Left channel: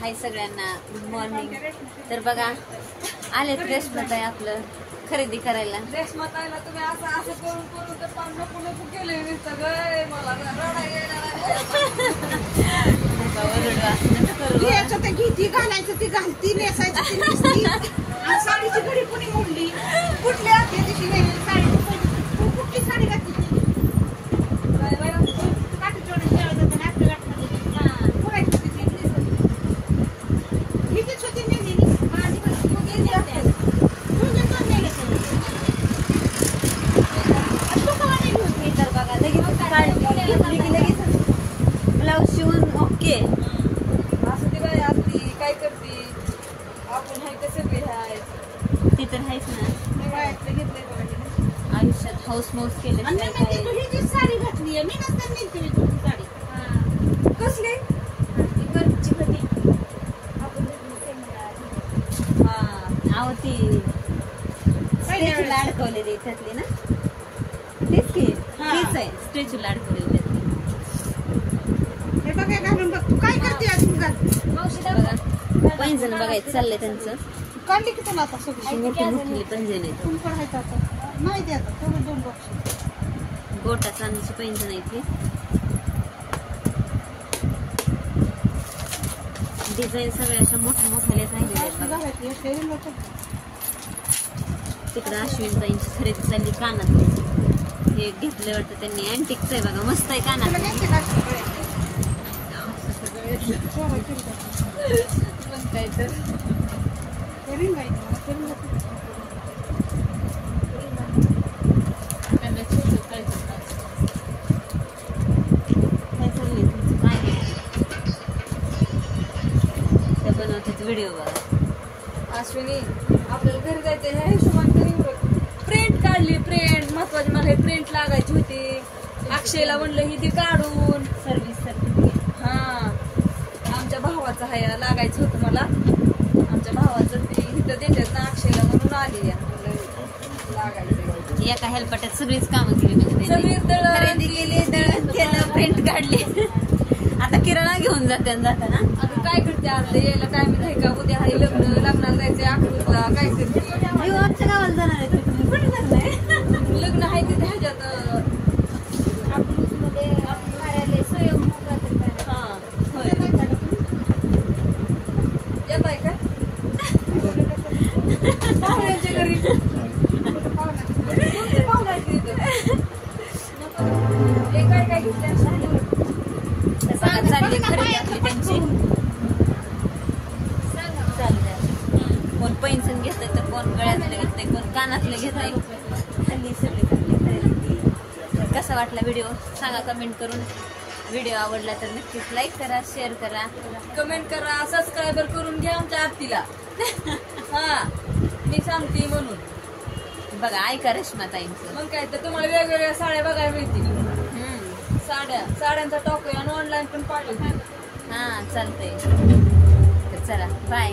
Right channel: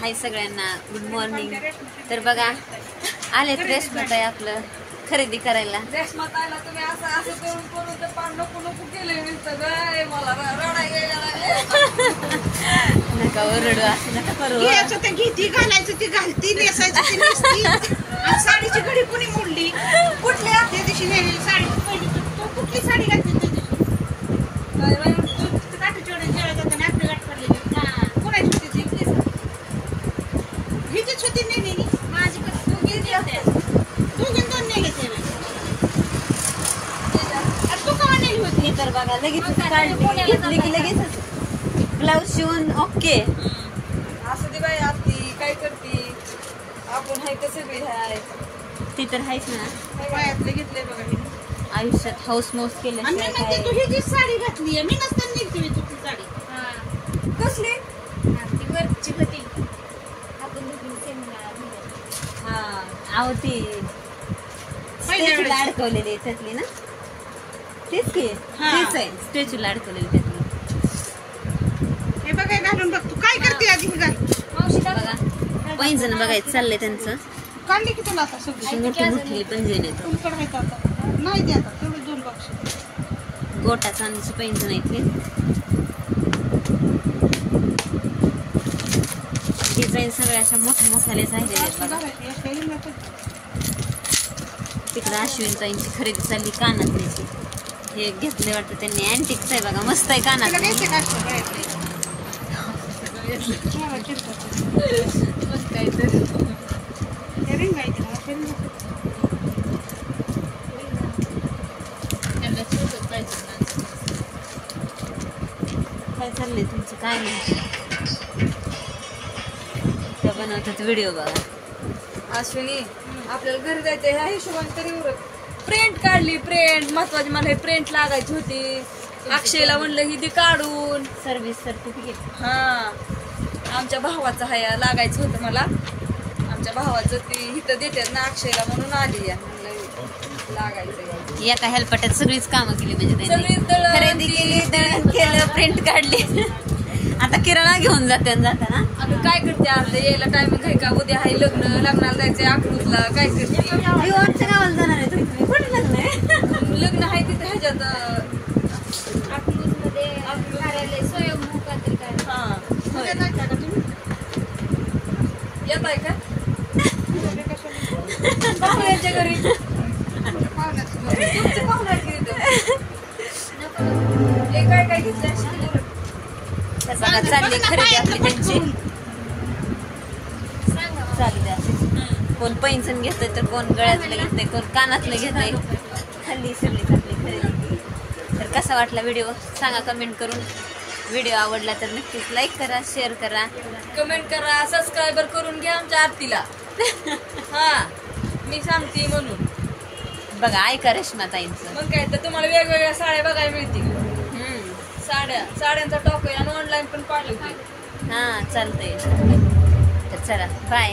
हाय सगळ्यांना, good morning. तर बघा आलेत रेशमाताई आपलं खरेदी करायला. रेशमाताईला तुम्ही असं असं करून करून तर पान नको नको केले सगळं मला रडायला नका ओरडू, असं नका करू. घ्यायचं ते घेती, घालायचं ती घालती, नेसायचं ती नेसती. आणि साडीची घडी कोणी मोडली? कुठल्या त्या दिवशी नेलेली साडी तू कुठली साडी घातली त्या दिवशी? काठीचोड्यात जेवायला जाताना आपली गाठ पडलेली. कोणाची होती ती? हिचीच होती नेलेली. माझी कशी तू गेली होते? तू दोन नेले ते तू कवा नेली होती? तर बघा लगेच घेतली की लगेच ब्लाऊज शिवून ओके. असं ती बाई आती काय करती, आपण हाय कसं बी हाय. ती तर आहेच ना, वयातलं घेतलंय बघा हिने. आयुष्यात हाऊस मौस केलं. आणि मी म्हणते तू ही जी साडी घातली आहे, मी नसताना नेलती मी तुझी साडी. कसली? ती वरची होती. आपण हा आहो ती स्टॅच्यूला अडकवलेली त्यातली ना, तेच की तेच आहे, स्टॅच्यूला अडकवलेली त्यातली. हे बघा घालून बघ. तू काय करते आधी ही घाल. मावशी दादा पैंजण बघायचं चाललंय त्यांचं. काढली की तुला आता सगळी? मोठी मोठी पैंजण येत, तुमच्याकडे माहिती आता नाही ते आता तेवढे 2 बॉक्स. गोटा चांदीची पैंजण आहेत. डिझाईन सगळ्या अशा मोठ्या मोठ्यालेच आहेत. तिकडे अश्विनताईंची खरेदी चालली कानातल्याची. हे घेतले वाटतं त्यांनी, अँटिकच आहे बघा, मस्त आहे कानात. मस्त आहे तर काय चाललंय तुमचं? काय त्या बनवतात व्हिडिओ बघा. अश्विनी आपल्याला घरी जायचं ह्या हिशोबाने तरी प्रिंट काढली. प्रिंट महत्वाची, मला हे प्रिंट लागायची होती. अक्षयला म्हणलं ही ती काढून सर्व्हिस सर्टिफिकेट. हा आमच्या भावाचं हाय लागायचं होतं मला. आमच्या भावाचं ती इथं देतात ना अक्षयला, म्हणून आली लागायचं. एका हेल्पटात सगळीच कामं केली म्हणजे सगळी त्यांनी. खरेदी केली, दळण केलं, प्रिंट काढली. आता किराणा घेऊन जाते जाताना. आता काय करते आपलं यायला टायमिंग आहे का? उद्या आहे लग्न, लग्नाला जायचंय अकलूजला. काय करते? आमच्या गावाला जाणार आहे तुम्ही? कुठे जाणार? लग्न आहे तिथे ह्याच्यात अकलूज मध्ये कार्यालय स्वयंभू काहीतरी कार्यालय. हा उद्या जायचं का तुम्ही? येत आहे का पाहुण्यांच्या घरी? तुमची पाहुणा आहे की तिथं? हे काय काय घेतलं? चालली खरेदी आपली त्यांची. चालली अशी. कोण पैंजण घेतलं तर कोण गळ्यातलं घेतलंय, कोण कानातलं घेतलंय. हल्ली सगळी खरेदी. कसा वाटला व्हिडिओ सांगा कमेंट करून. व्हिडिओ आवडला तर नक्कीच लाईक करा, शेअर करा, कमेंट करा, सबस्क्रायबर करून घ्या आमच्या आरतीला. हा मी सांगते म्हणून. बघा ऐका रेशमाताईंचं. मग काय तर तुम्हाला वेगवेगळ्या साड्या बघायला मिळतील. साड्यांचा टॉप आहे आणि ऑनलाईन पण पाठवते. हा चालतंय. तर चला बाय.